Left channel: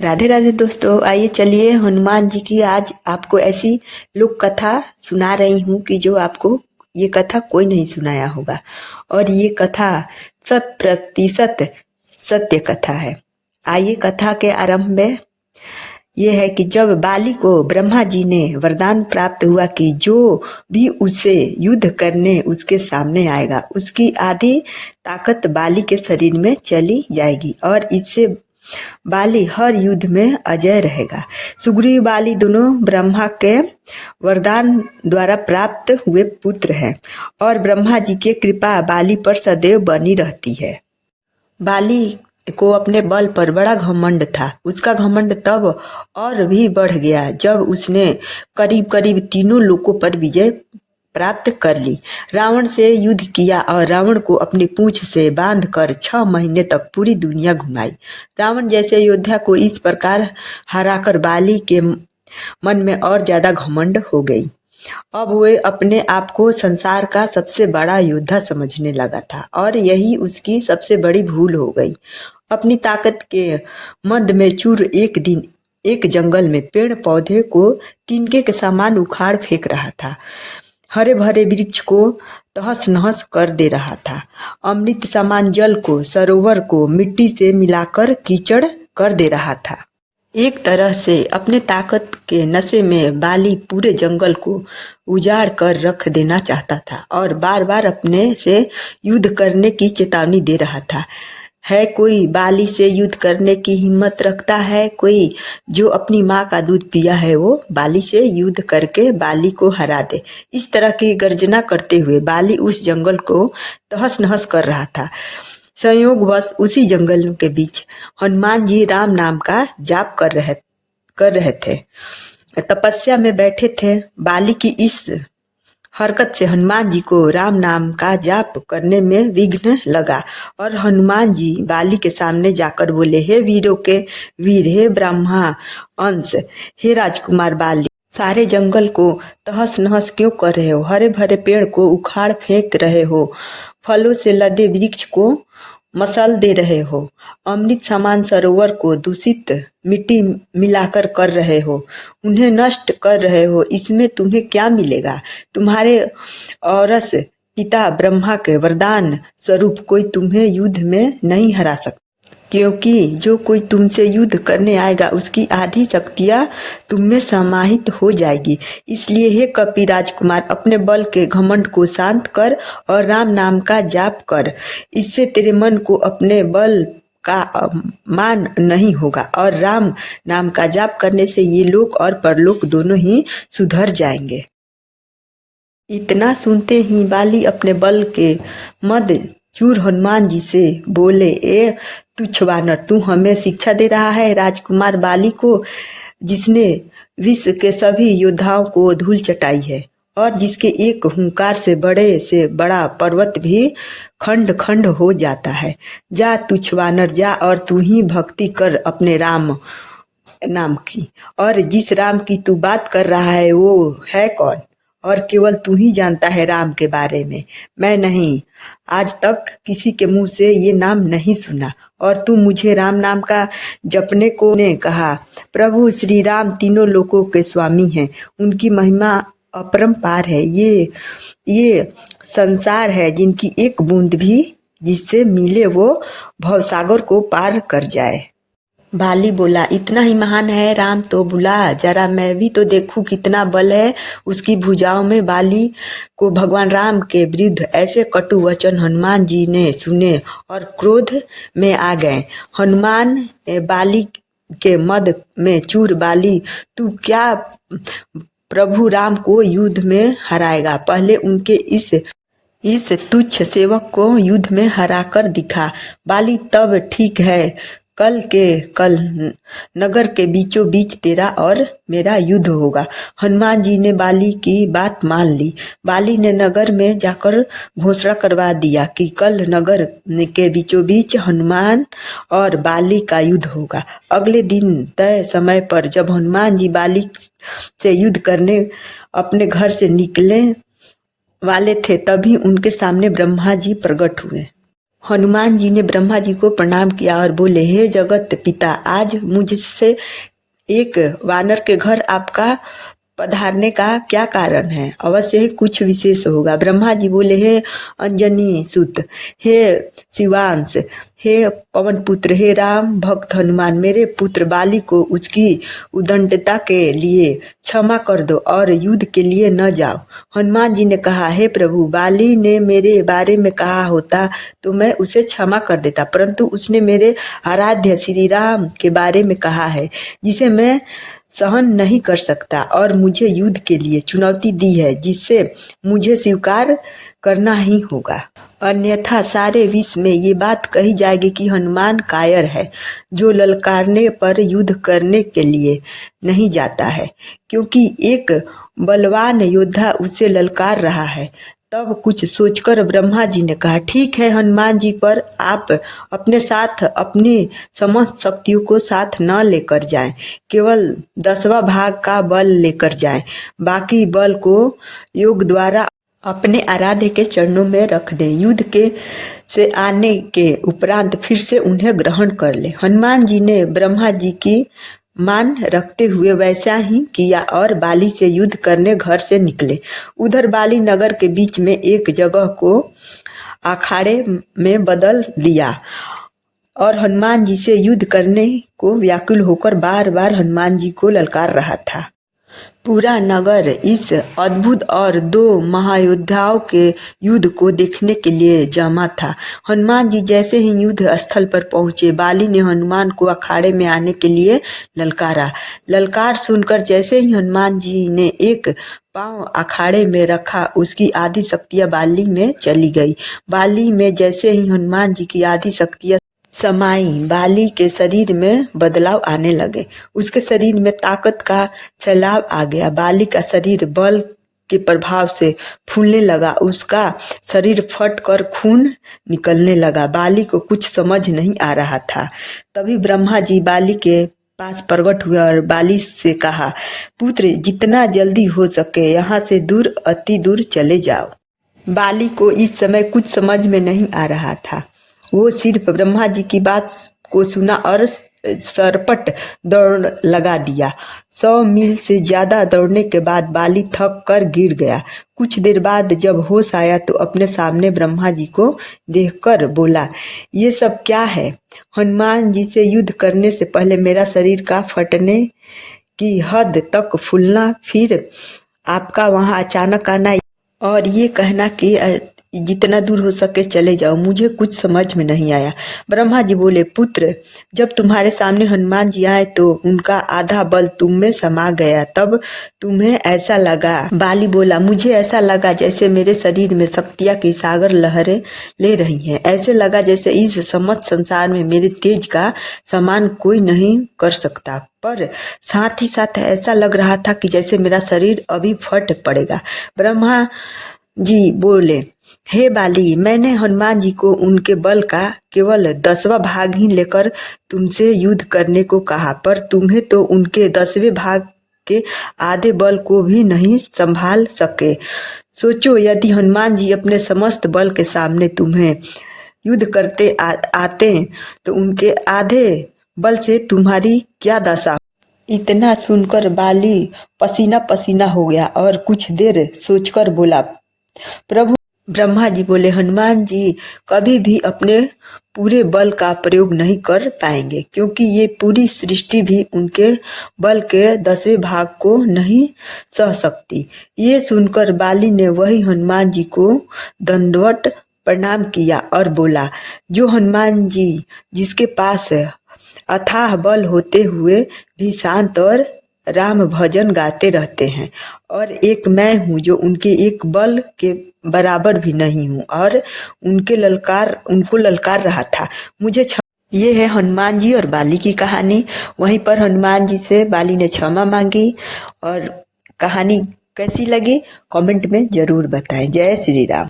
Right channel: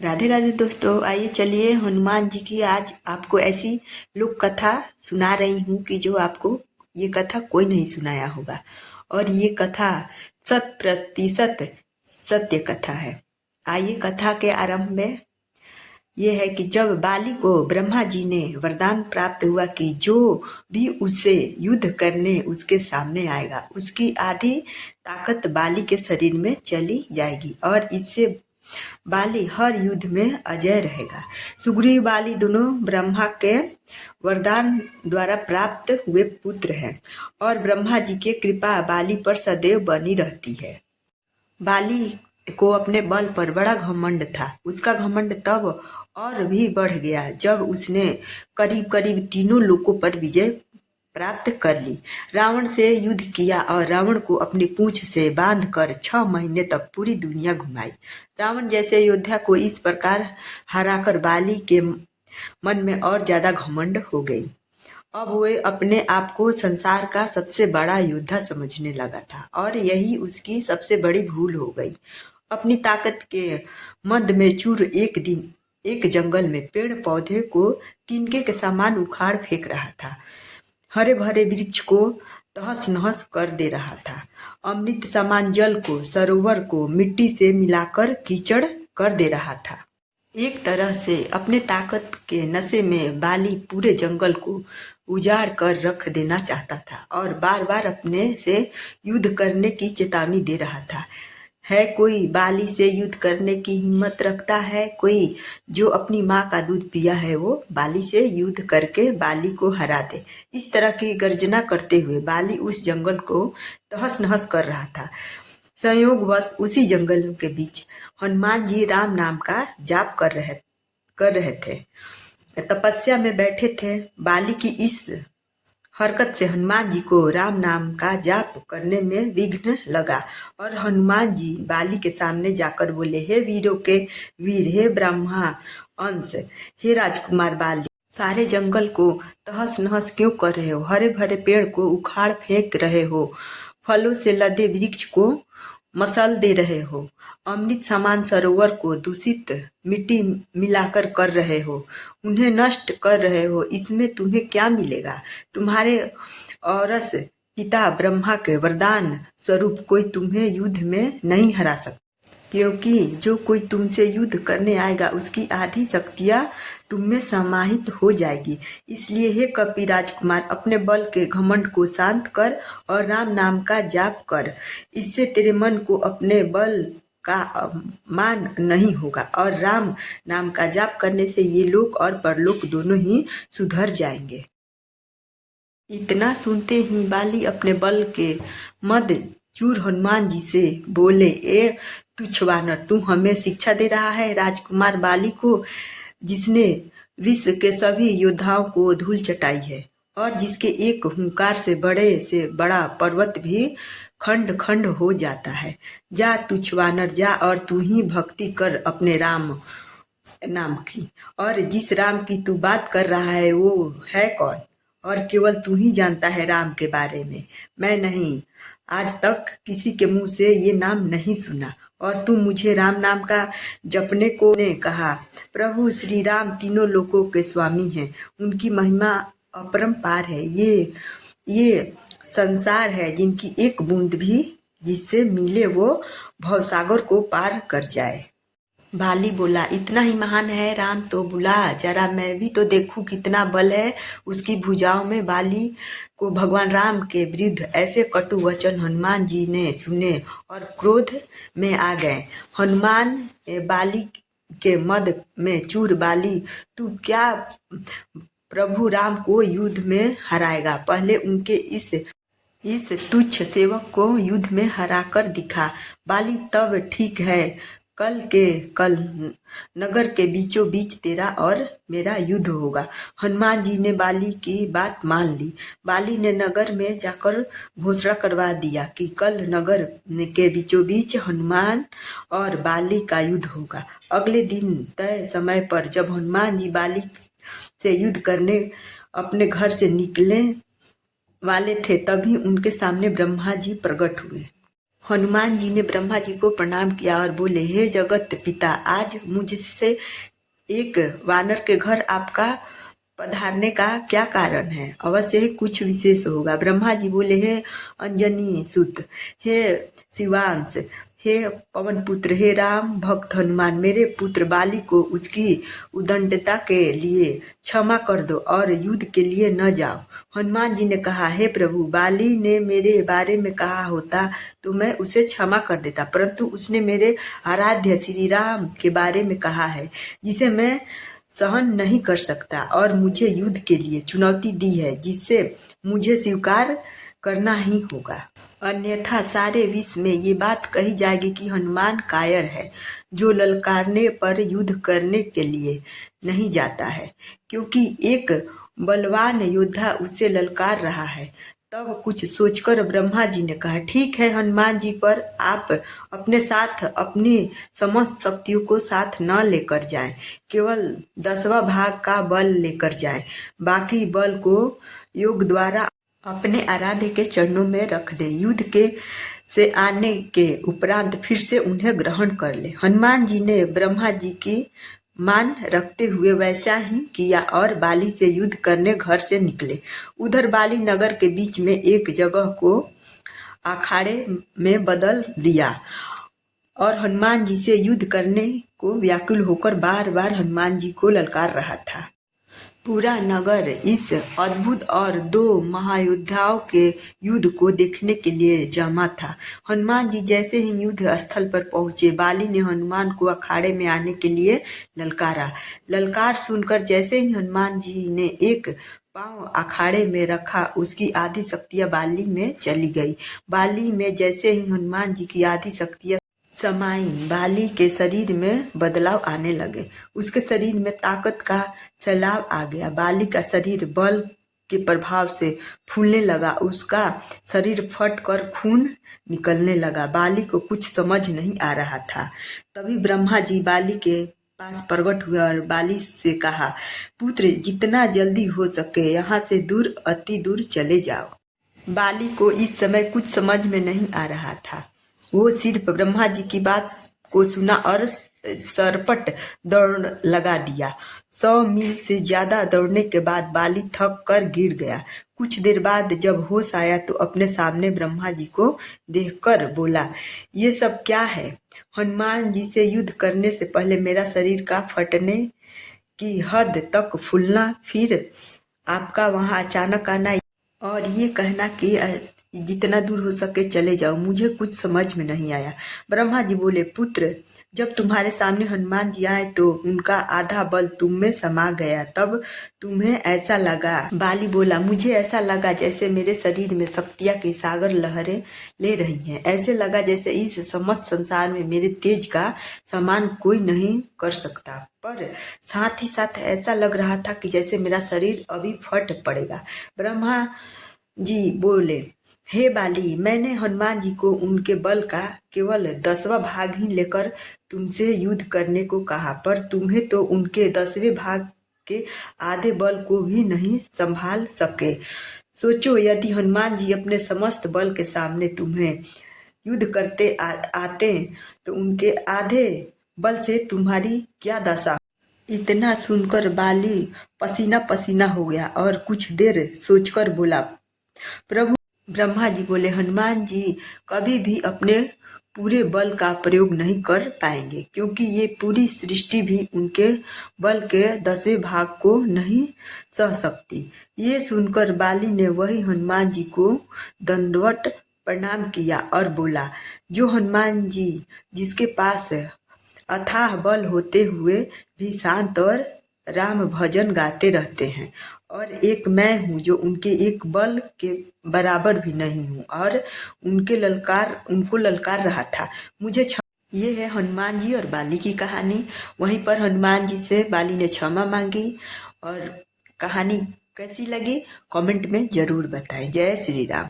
राधे राधे दोस्तों, आइए चलिए हनुमान जी की आज आपको ऐसी लोक कथा सुना रही हूँ कि जो आपको ये कथा कोई नहीं सुनाया होगा। और ये कथा 100% सत्य कथा है। आइए कथा के आरंभ में ये है कि जब बाली को ब्रह्मा जी ने वरदान प्राप्त हुआ कि जो भी उसे युद्ध करने उसके सामने आएगा उसकी आधी ताकत बाली के शरीर में चली जाएगी और इससे बाली हर युद्ध में अजय रहेगा। सुग्रीव बाली दोनों ब्रह्मा के वरदान द्वारा प्राप्त हुए पुत्र हैं और ब्रह्मा जी की कृपा बाली पर सदैव बनी रहती है। बाली को अपने बल पर बड़ा घमंड था। उसका घमंड तब और भी बढ़ गया जब उसने करीब करीब तीनों लोकों पर विजय प्राप्त कर ली। रावण से युद्ध किया और रावण को अपनी पूंछ से बांधकर 6 महीने तक पूरी दुनिया घुमाई। रावण जैसे योद्धा को इस प्रकार हराकर बाली के मन में और ज्यादा घमंड हो गई। अब वह अपने आप को संसार का सबसे बड़ा योद्धा समझने लगा था और यही उसकी सबसे बड़ी भूल हो गई। अपनी ताकत के मद में चूर एक दिन एक जंगल में पेड़ पौधे को तिनके के समान उखाड़ फेंक रहा था। हरे भरे वृक्ष को तहस नहस कर दे रहा था। अमृत समान जल को, सरोवर को मिट्टी से मिलाकर कीचड़ कर दे रहा था। एक तरह से अपने ताकत के नशे में बाली पूरे जंगल को उजाड़ कर रख देना चाहता था और बार बार अपने से युद्ध करने की चेतावनी दे रहा था। है कोई बाली से युद्ध करने की हिम्मत रखता है? कोई जो अपनी माँ का दूध पिया है वो बाली से युद्ध करके बाली को हरा दे। इस तरह की गर्जना करते हुए बाली उस जंगल को तहस नहस कर रहा था। संयोगवश उसी जंगल के बीच हनुमान जी राम नाम का जाप कर रहे थे। तपस्या में बैठे थे। बाली की इस हरकत से हनुमान जी को राम नाम का जाप करने में विघ्न लगा और हनुमान जी बाली के सामने जाकर बोले, हे वीरों के वीर, हे ब्रह्मा अंश, हे राजकुमार बाली, सारे जंगल को तहस नहस क्यों कर रहे हो? हरे भरे पेड़ को उखाड़ फेंक रहे हो, फलों से लदे वृक्ष को मसल दे रहे हो, अमृत समान सरोवर को दूषित मिट्टी मिलाकर कर रहे हो, उन्हें नष्ट कर रहे हो। इसमें तुम्हें क्या मिलेगा? तुम्हारे औरस पिता ब्रह्मा के वरदान स्वरूप कोई तुम्हें युद्ध में नहीं हरा सकता, क्योंकि जो कोई तुमसे युद्ध करने आएगा उसकी आधी शक्तियां तुम में समाहित हो जाएगी। इसलिए हे कपि राजकुमार, अपने बल के घमंड को शांत कर और राम नाम का जाप कर। इससे तेरे मन को अपने बल का मान नहीं होगा और राम नाम का जाप करने से ये लोक और परलोक दोनों ही सुधर जाएंगे। इतना सुनते ही बाली अपने बल के मद चूर हनुमान जी से बोले, ए तुच्छ वानर, तू हमें शिक्षा दे रहा है राजकुमार बाली को, जिसने विश्व के सभी योद्धाओं को धूल चटाई है और जिसके एक हुंकार से बड़ा पर्वत भी खंड खंड हो जाता है। जा तुच्छ वानर, जा और तू ही भक्ति कर अपने राम नाम की। और जिस राम की तू बात कर रहा है वो है कौन? और केवल तू ही जानता है राम के बारे में, मैं नहीं। आज तक किसी के मुंह से ये नाम नहीं सुना और तू मुझे राम नाम का जपने को ने कहा। प्रभु श्री राम तीनों लोकों के स्वामी हैं, उनकी महिमा अपरंपार है। ये संसार है जिनकी एक बूंद भी जिससे मिले वो भवसागर को पार कर जाए। बाली बोला, इतना ही महान है राम तो बुला, जरा मैं भी तो देखूं कितना बल है उसकी भुजाओं में। बाली को भगवान राम के विरुद्ध ऐसे कटु वचन हनुमान जी ने सुने और क्रोध में आ गए। हनुमान बाली के मद में चूर, बाली तू क्या प्रभु राम को युद्ध में हराएगा? पहले उनके इस तुच्छ सेवक को युद्ध में हरा कर दिखा। बाली, तब ठीक है, कल नगर के बीचों बीच तेरा और मेरा युद्ध होगा। हनुमान जी ने बाली की बात मान ली। बाली ने नगर में जाकर घोषणा करवा दिया कि कल नगर के बीचों बीच हनुमान और बाली का युद्ध होगा। अगले दिन तय समय पर जब हनुमान जी बाली से युद्ध करने अपने घर से निकले वाले थे, तभी उनके सामने ब्रह्मा जी प्रकट हुए। हनुमान जी ने ब्रह्मा जी को प्रणाम किया और बोले, हे जगत पिता, आज मुझसे एक वानर के घर आपका पधारने का क्या कारण है? अवश्य ही कुछ विशेष होगा। ब्रह्मा जी बोले, हे अंजनी सुत, हे शिवांश, हे पवन पुत्र, हे राम भक्त हनुमान, मेरे पुत्र बाली को उसकी उदंडता के लिए क्षमा कर दो और युद्ध के लिए न जाओ। हनुमान जी ने कहा, हे प्रभु, बाली ने मेरे बारे में कहा होता तो मैं उसे क्षमा कर देता, परंतु उसने मेरे आराध्य श्री राम के बारे में कहा है, जिसे मैं सहन नहीं कर सकता, और मुझे युद्ध के लिए चुनौती दी है, जिससे मुझे स्वीकार करना ही होगा। अन्यथा सारे विश्व में ये बात कही जाएगी कि हनुमान कायर है, जो ललकारने पर युद्ध करने के लिए नहीं जाता है, क्योंकि एक बलवान योद्धा उसे ललकार रहा है। तब कुछ सोचकर ब्रह्मा जी ने कहा, ठीक है हनुमान जी, पर आप अपने साथ अपनी समस्त शक्तियों को साथ न लेकर जाएं, केवल 10वां भाग का बल लेकर जाएं, बाकी बल को योग द्वारा अपने आराध्य के चरणों में रख दे। युद्ध के से आने के उपरांत फिर से उन्हें ग्रहण कर ले। हनुमान जी ने ब्रह्मा जी की मान रखते हुए वैसा ही किया और बाली से युद्ध करने घर से निकले। उधर बाली नगर के बीच में एक जगह को अखाड़े में बदल दिया और हनुमान जी से युद्ध करने को व्याकुल होकर बार बार हनुमान जी को ललकार रहा था। पूरा नगर इस अद्भुत और 2 महायोद्धाओं के युद्ध को देखने के लिए जमा था। हनुमान जी जैसे ही युद्ध स्थल पर पहुंचे, बाली ने हनुमान को अखाड़े में आने के लिए ललकारा। ललकार सुनकर जैसे ही हनुमान जी ने एक पांव अखाड़े में रखा, उसकी आधी शक्तियां बाली में चली गई। बाली में जैसे ही हनुमान जी की आधी शक्तियां समाई, बाली के शरीर में बदलाव आने लगे। उसके शरीर में ताकत का सैलाब आ गया। बाली का शरीर बल के प्रभाव से फूलने लगा। उसका शरीर फट कर खून निकलने लगा। बाली को कुछ समझ नहीं आ रहा था। तभी ब्रह्मा जी बाली के पास प्रकट हुए और बाली से कहा, पुत्र, जितना जल्दी हो सके यहाँ से दूर, अति दूर चले जाओ। बाली को इस समय कुछ समझ में नहीं आ रहा था। वो सिर्फ ब्रह्मा जी की बात को सुना और सरपट दौड़ लगा दिया। 100 मील से ज्यादा दौड़ने के बाद बाली थक कर गिर गया। कुछ देर बाद जब होश आया तो अपने सामने ब्रह्मा जी को देखकर बोला, ये सब क्या है? हनुमान जी से युद्ध करने से पहले मेरा शरीर का फटने की हद तक फूलना, फिर आपका वहां अचानक आना और ये कहना कि जितना दूर हो सके चले जाओ, मुझे कुछ समझ में नहीं आया। ब्रह्मा जी बोले, पुत्र, जब तुम्हारे सामने हनुमान जी आए तो उनका आधा बल तुम में समा गया, तब तुम्हें ऐसा लगा। बाली बोला, मुझे ऐसा लगा जैसे मेरे शरीर में शक्तियां की सागर लहरें ले रही हैं। ऐसे लगा जैसे इस समस्त संसार में मेरे तेज का समान कोई नहीं कर सकता, पर साथ ही साथ ऐसा लग रहा था कि जैसे मेरा शरीर अभी फट पड़ेगा। ब्रह्मा जी बोले, हे बाली, मैंने हनुमान जी को उनके बल का केवल 10वां भाग ही लेकर तुमसे युद्ध करने को कहा, पर तुम्हें तो उनके 10वें भाग के आधे बल को भी नहीं संभाल सके। सोचो, यदि हनुमान जी अपने समस्त बल के सामने तुम्हें युद्ध करते आते तो उनके आधे बल से तुम्हारी क्या दशा। इतना सुनकर बाली पसीना पसीना हो गया और कुछ देर सोचकर बोला, प्रभु। ब्रह्मा जी बोले, हनुमान जी कभी भी अपने पूरे बल का प्रयोग नहीं कर पाएंगे, क्योंकि ये पूरी सृष्टि भी उनके बल के 10वें भाग को नहीं सह सकती। ये सुनकर बाली ने वही हनुमान जी को दंडवत प्रणाम किया और बोला, जो हनुमान जी जिसके पास अथाह बल होते हुए भी शांत और राम भजन गाते रहते हैं, और एक मैं हूँ जो उनके एक बल के बराबर भी नहीं हूँ और उनको ललकार रहा था। मुझे ये है हनुमान जी और बाली की कहानी। वहीं पर हनुमान जी से बाली ने क्षमा मांगी। और कहानी कैसी लगी कमेंट में जरूर बताएं। जय श्री राम।